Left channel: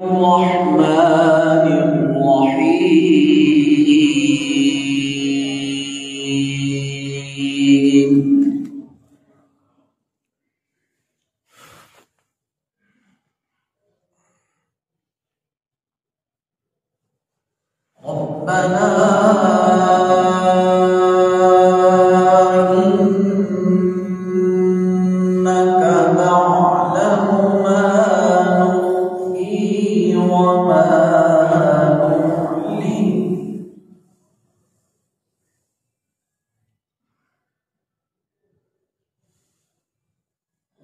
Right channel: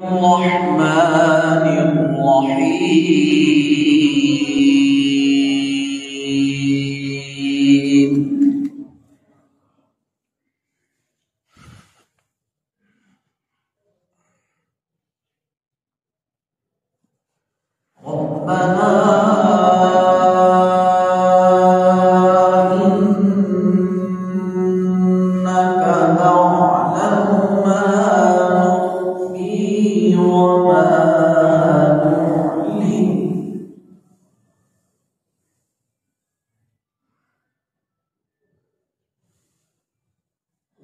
الرحمن الرحيم ربنا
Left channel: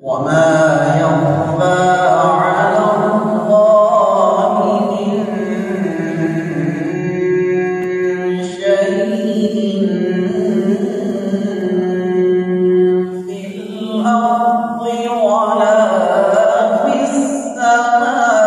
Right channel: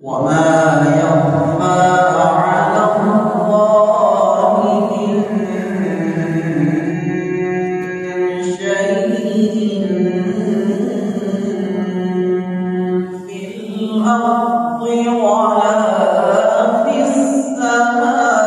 وما يخفى على الله من شيء في الأرض ولا في السماء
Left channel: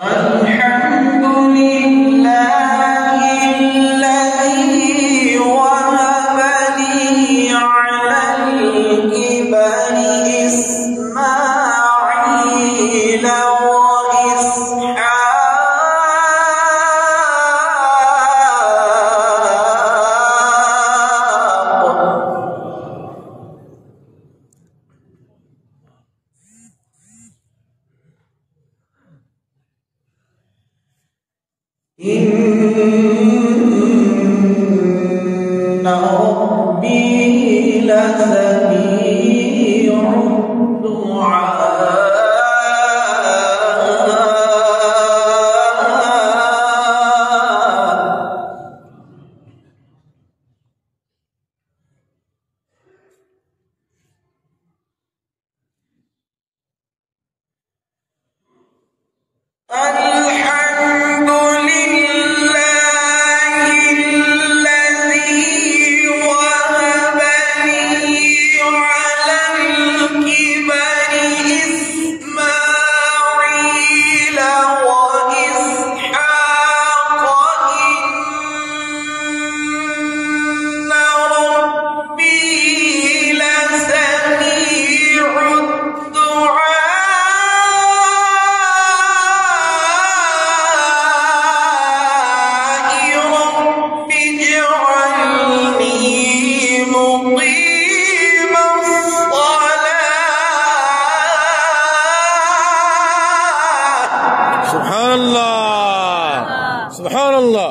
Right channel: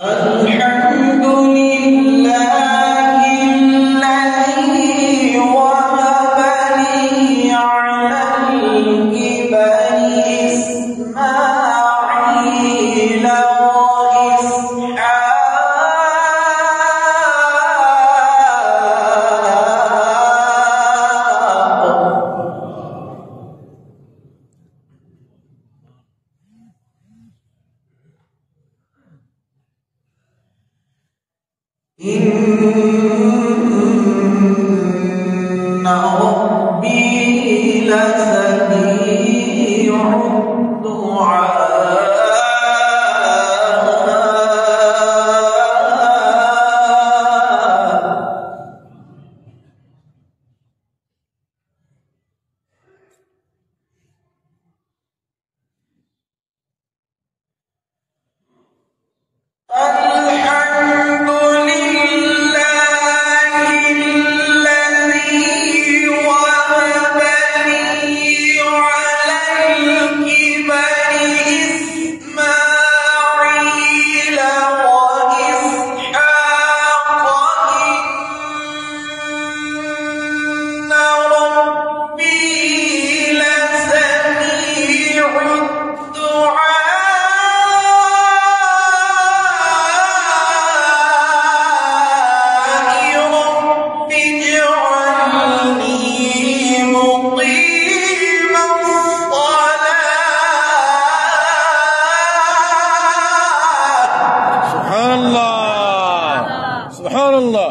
الحمد لله الذي وهب لي على الكبر إسماعيل إن ربي لسميع الدعاء سبحان الله.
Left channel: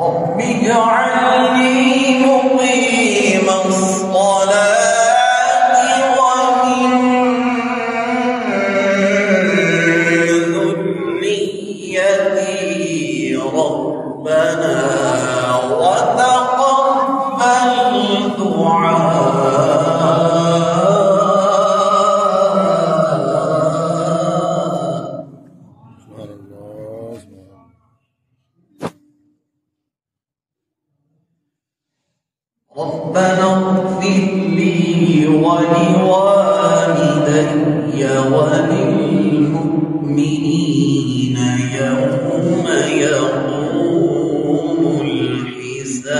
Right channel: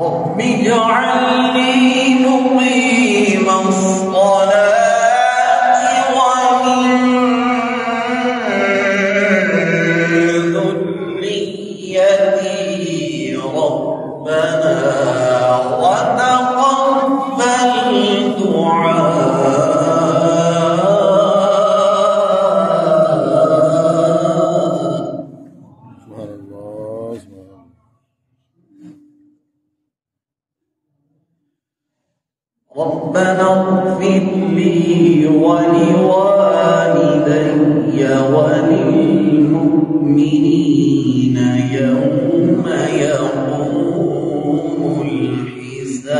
رب اجعلني مقيم الصلاة ومن ذريتي ربنا وتقبل دعاء. ربنا اغفر لي ولوالدي وللمؤمنين يوم يقوم الحساب.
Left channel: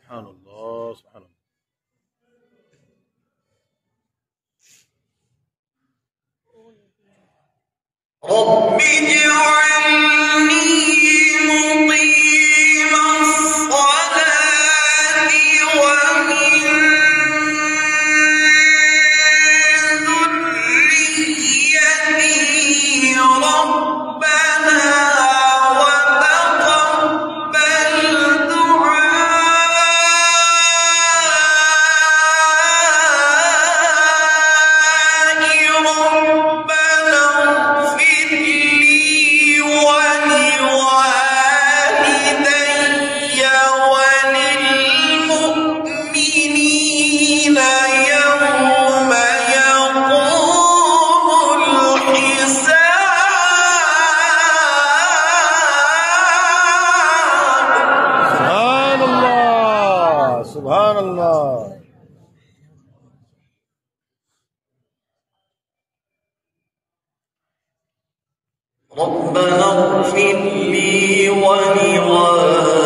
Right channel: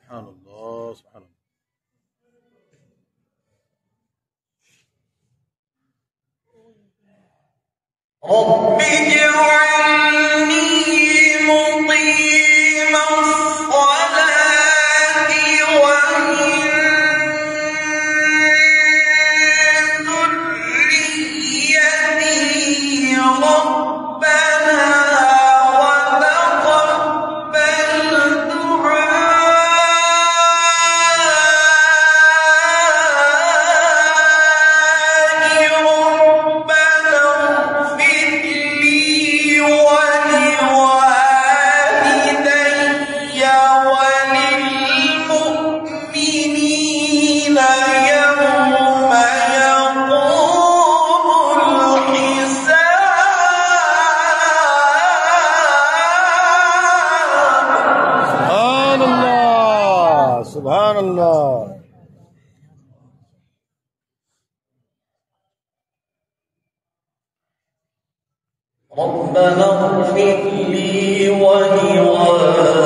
سبحان الله سبحان الله. رب اجعلني مقيم الصلاة ومن ذريتي ربنا وتقبل دعائي. ربنا اغفر لي سبحان الله. ربنا اغفر لي ولوالدي